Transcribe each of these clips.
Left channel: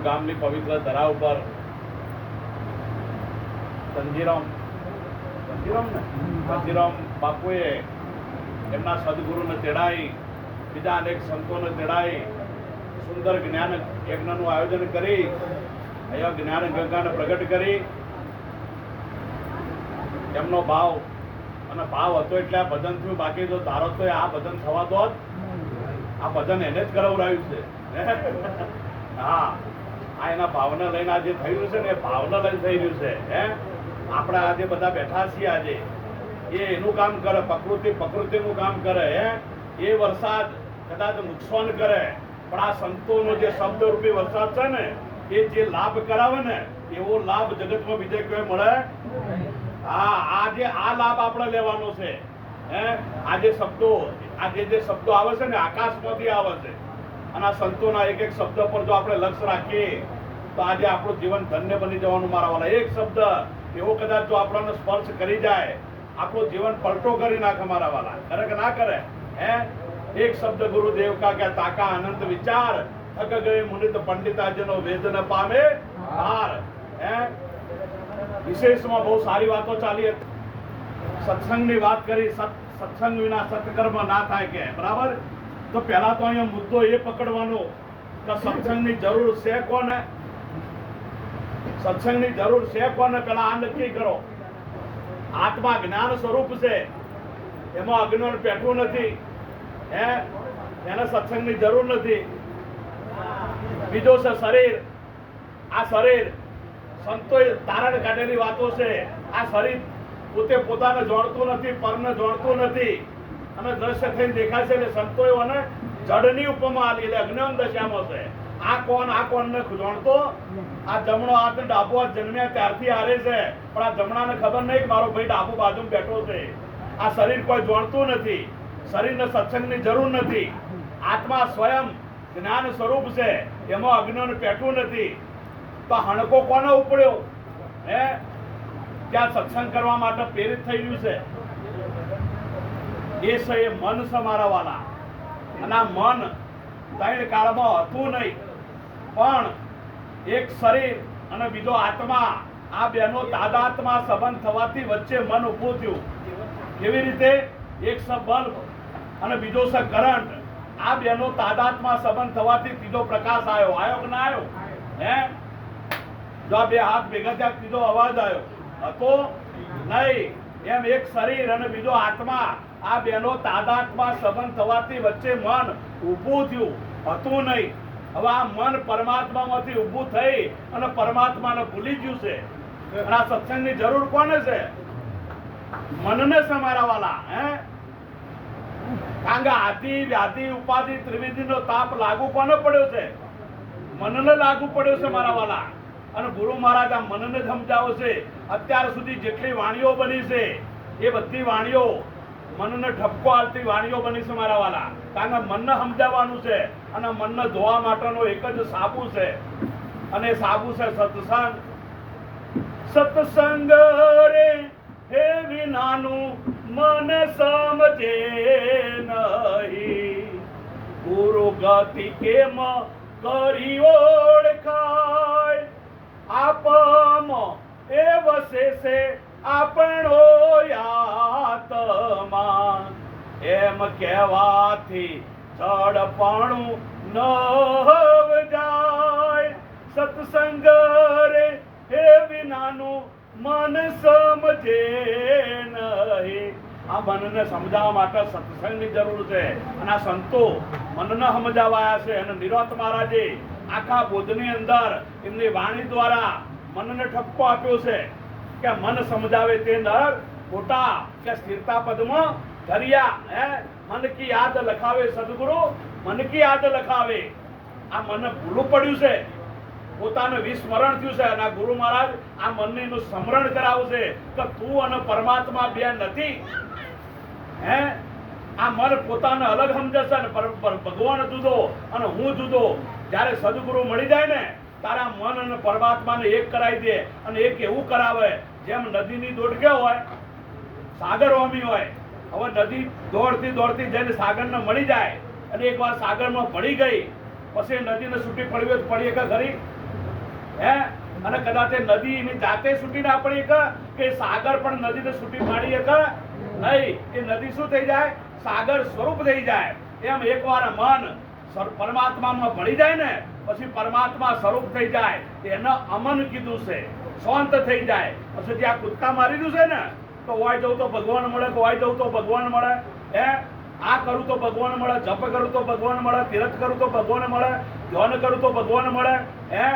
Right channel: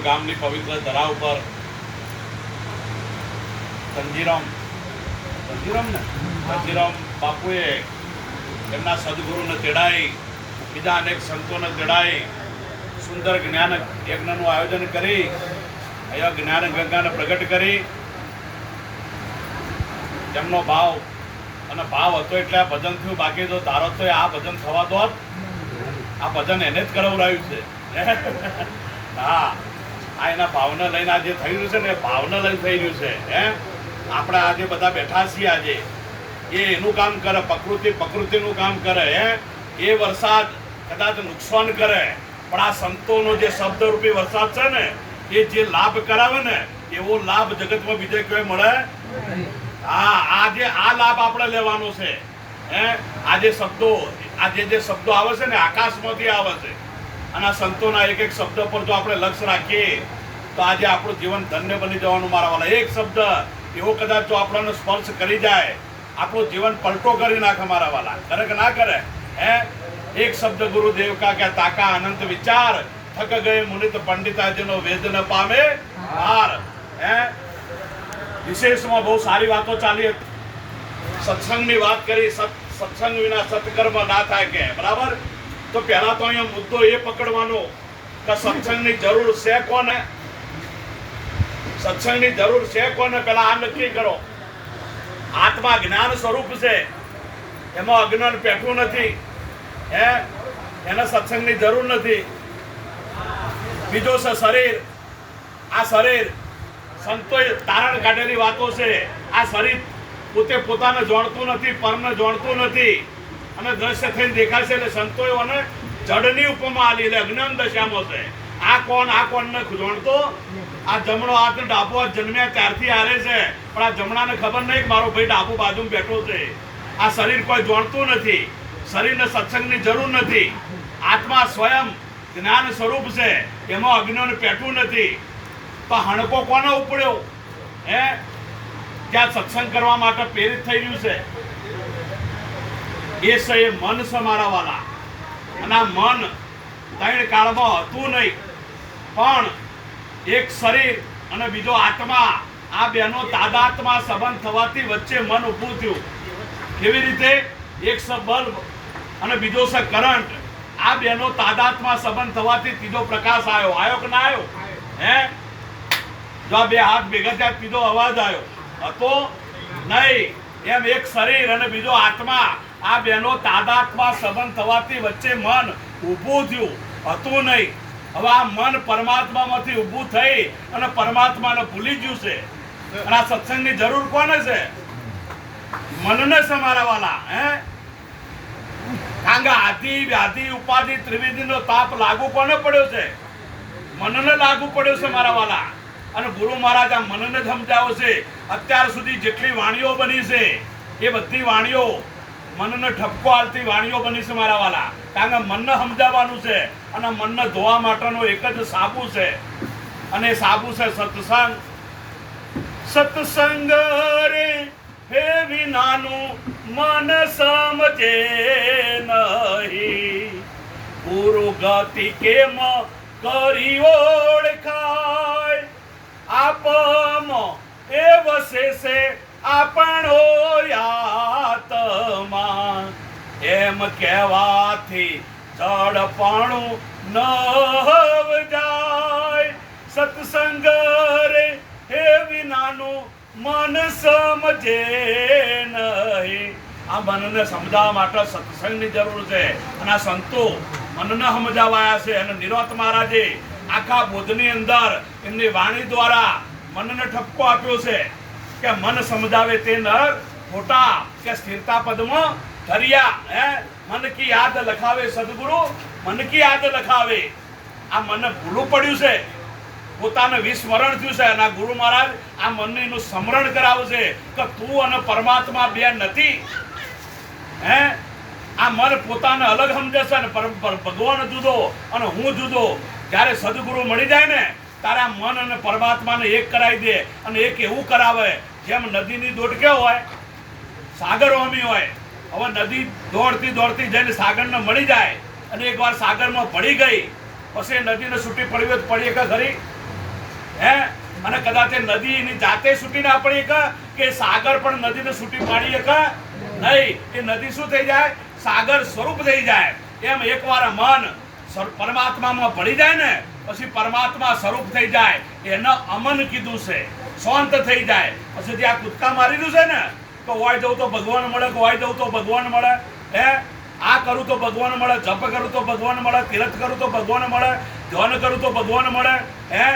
રાધનપુર ગામની પવિત્ર ધરા ઉપર ધનજીરામ બાપુએ એમના સદગુરુને તેડાઈ, બીજા અનેક સંતોને તેડાઈ સુંદર જ્ઞાન યજ્ઞનું આયોજન કરી અહીંયા જ્ઞાન ગંગાને પ્રગટ કરી. એમનો ભાવ હતો એટલે આ ભજન થયું. બાકી તો ધારો તો આ ભજન થવા દો, આ ભજન એને જ કરાવડાવ્યું છે. હા, આ એના ભાવને લઈને આજે થઈ રહ્યું છે ને, ભાવને લઈને થઈ રહ્યું છે. આપણે આજે બધા બેઠા છીએ, આજે એ એનું કામ કરે, પ્રકૃતિનું કામ કરે. એ વરસાદ કદાચ નુકસાન કરે, પણ આ સંતોનો જે શબ્દરૂપી વરસાદ છે ને, એ જે લાભ કરાવે ને, એવો લાભ જગતમાં બીજે કોઈ મળે. હા, આજે આ લાભ આપણે લેવાનો છે. આજે શબ્દો, આજે જે શબ્દો આવે છે ને, આકાશમાંથી આવે છે. અને આ સંતોના એક એક શબ્દ પર જો આપણે લક્ષ્ય રાખીએ તો આજે આપણું જીવન ધન્ય બની જવાનું. મારા વાલા, એક શબ્દ એવો કદાચ જો આપણને સ્પર્શ કરી જાય, આપણું જીવન પલટો કરી નાખે. મારા વાલા, કરે કે ના કરે? એક શબ્દ ગુરુદેવ કા કે તાકા અનંત વિચાર, થક ગયે મુનિત પંડિતાજીનો વેદ ન પામે હાર. વિશેષમાં બહુ સારી વાતો ચાલી. સત્સંગની વાત કરી. સત્સંગ વિના સત્કર્મ ના થાય કે બરાબર. તો પહેલા તો અહીંયા મુદ્દો એ પકડવાનો કે સત્સંગની જરૂર છે કોને? સત્સંગની જરૂર છે કોને? પેલા આ નક્કી કરો. આત્મા જ્ઞાન સ્વરૂપ છે, એમાં અજ્ઞાન પેઠું નથી. એને સત્સંગની જરૂર નથી. બીજો છે શરીર. આ શરીર સંતોએ તારણ કાઢેલી વાતો છે. આ શરીર પોતે પોતાને જાણતું નથી, પરને જાણતું નથી અને દ્રશ્ય થઈને દેખાય છે. એટલે સંતોએ અને જડની ઉપમા આલી, એટલે અજ્ઞાન દશામાં છે. આ કોણ નથી જાણતો. આ જમણો હાથ ને ડાબો હાથ જન્મ્યા ત્યારથી હારે છે, પણ આ જમણાને ખબર નહીં કે મારો ભાઈ ડાબુ બાજુમાં બેઠો છે. આ શરીર કોઈ જાણતું નથી. શરીરને સત્સંગની જરૂર નથી. આત્મા સ્વયં જ્ઞાન સ્વરૂપ છે, એમાં અજ્ઞાન પેઠું નથી. તો હણકો કોને ઉપડ્યો? ત્યાં સત્સંગ કરવા માટે પ્રેરિત થઈ રહ્યું છે. એ છે એ મન છે મારા વાલા. અને આ મન ત્રણ કાળમાં હતું નહીં, પણ એક શરીર અને બીજો આત્મા, આ બેનો તાદાત્મા સંબંધ થવાથી વચ્ચે મન ઊભું થયું. કેવી રીતે? એક છે બલ્બ અને બીજો છે કરંટ. આ બેનો તાદાત્મા સંબંધ થવાથી ત્રીજો પ્રકાશ આવ્યો. આવ્યો કે ના આવ્યો? જો બે હાથ ભેગા થયા, ત્રીજો અવાજ આવ્યો. હતો નહીં. એમ એક શરીર અને બીજો આત્મા, આ બેનો તાદાત્મા સંબંધ થવાથી વચ્ચે મન ઊભું થયું. હતું નહીં. હવે આ મન પરમાત્મામાંથી ઊભું થઈ અને પરમાત્માને ભૂલી ગયું છે. અને આ સત્સંગની જરૂર કોને છે? મનને છે મારા વાલા. કારણ કે આદિ વ્યાધિ ઉપાધિ ત્રિવેદીનો તાપ લાગુ કોને પડ્યો છે? મનને લાગુ પડ્યો છે મારા વાલા. અને ગુરુ મહારાજ આ મનને જ સમજાવે છે. અત્યાર સુધી જેટલી વાણીઓ બની છે, એ બધી વાણીઓ મનને ઠપકો આલતી વાણીઓ બની છે મારા વાલા. કારણ કે મનને સમજાવવાનું છે અને મનને ધોવા માટેનો એક જ સાબુ છે, અને એ સાબુ છે સત્સંગ. સત્સંગ રે હે વિનાનું મન સમજે નહીં, ગુરુ ગતિ કેમ કરી ઓળખાય, આપમાં એ વસે છે આપણો આત્મા, એમ કહેવાથી જડપણું ન જાય. સત્સંગ રે હે વિનાનું મન સમજે નહીં. આ મનને સમજાવવા માટે સત્સંગની જરૂર છે. અને આ સંતો મનને સમજાવાયા છે. અને નિરોત મહારાજે આખા બોધની અંદર એમની વાણી દ્વારા મનને ઠપકો આપ્યો છે કે મન સમજાવે તે નર ખોટા, કે સ્થિરતા પદમાં ધર્યા. મન કી યાદ લખાવે સદગુરુ, મન કી યાદ લખાવે. આ મન ભૂલું પડ્યું છે, પોતાને વિસ્મરણ થયું છે. અને ગુરુ મહારાજ આ મનનું સ્મરણ કરાવે છે કે તું અને પરમાત્મા બે નથી. આ મન પોતાને અલગ સમજે છે, ભગવાન જુદો અને હું જુદો. જ્યારે સદગુરુ મળી જાય ને, તારે આ મન અને પરમાત્માને એક કરાવી દે. અને એક એવું કરાવે જેમ નદીની દોડકે હોય, સાગર હોમી હોય. હવે નદી દોડતી દોડતી જઈને સાગરને મળી જાય, અને એકવાર સાગરમાં પડી ગઈ, પછી નદીને છૂટી પડવી પડીએ કે ખરી? હે અને કદાચ એ નદી એની જાતે છૂટી ના પડી કે સાગર પણ નદીને છૂટી પાડી શકે નહીં. એ નદી શું થઈ જાય? સાગર સ્વરૂપ થઈ જાય. એમ એકવાર મન પરમાત્મામાં ભળી જાય ને પછી પરમાત્મા સ્વરૂપ થઈ જાય. એને અમન કીધું છે, શાંત થઈ જાય. પછી ત્યાં કૂદકા મારી દીધું છે ને તો વાય જવું તો ભગવાન મળે, વાય જવું તો ભગવાન મળે, હે આ કરું તો ભગવાન મળે, જપ કરું તો ભગવાન મળે, તીર્થ કરું તો ભગવાન મળે, ધ્યાન કરું તો ભગવાન મળે, હે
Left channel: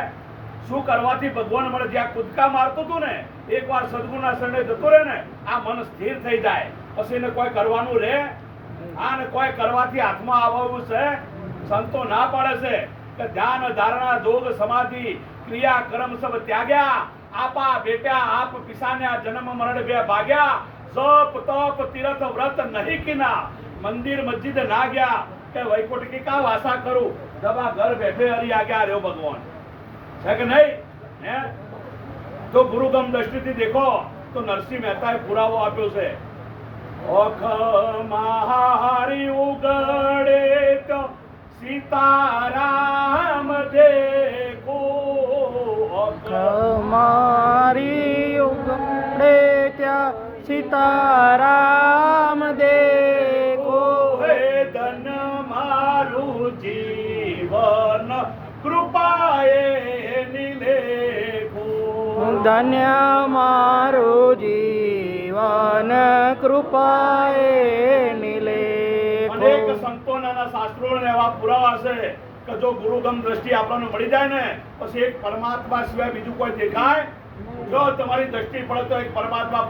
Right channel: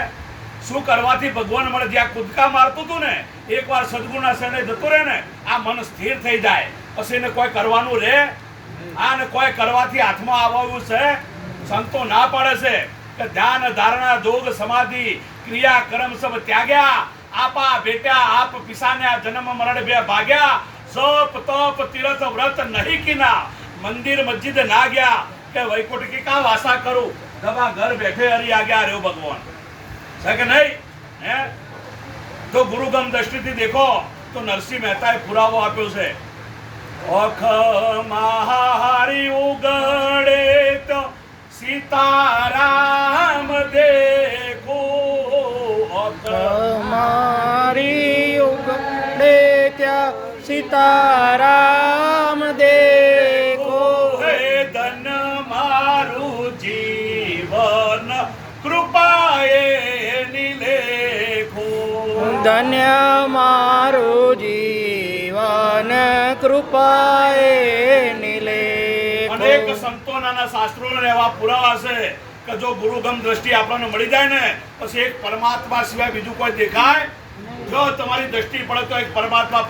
શું કરવાથી ભગવાન મળે? જ્યાં કૂદકા મારતું હતું ને એકવાર સદગુણના શરણે જતો રહે ને આ મન સ્થિર થઈ જાય. પછી એને કોઈ કરવાનું રહે? આ ને કોઈ કરવાથી હાથમાં આવવાનું છે? સંતો ના પાડે છે કે ધ્યાન ધારણા જોગ સમાધિ ક્રિયા કર્મ સબ ત્યાગ્યા, આપા બેટ્યા આપ પિસાન્યા, જન્મ મરણ બે ભાગ્યા, સપ તપ તીર્થ વ્રત નહીં કીના, મંદિર મસ્જિદ ના ગયા, કે વૈકુંઠ કી કા વાસા કરું, દબા ઘર બેઠે હરી આ ગયા રહ્યો ભગવાન છે કે નહીં? હે તો ગુરુગમ દ્રષ્ટિથી દેખો તો નરસિંહ મહેતાએ પુરાવો આપ્યો છે. ઓખ મહારી ઉગડે તો સીતારામ દેખો, ઓખ મારી ઉગડે ત્યાં સીતારામ દેખો, હે ધન મારું જીવન કૃપાએ નિલેખો, ધન્ય મારું જીવન કૃપાએ નિલેખો. અનેક સંતોના શાસ્ત્રોને એવા પુરાવા છે કે જો ગુરુગમ દ્રષ્ટિ આપણને મળી જાય ને પછી એક પરમાત્મા સિવાય બીજું કોઈ દેખાય? જો તમારી દ્રષ્ટિ પડે તો એક પરમાત્મા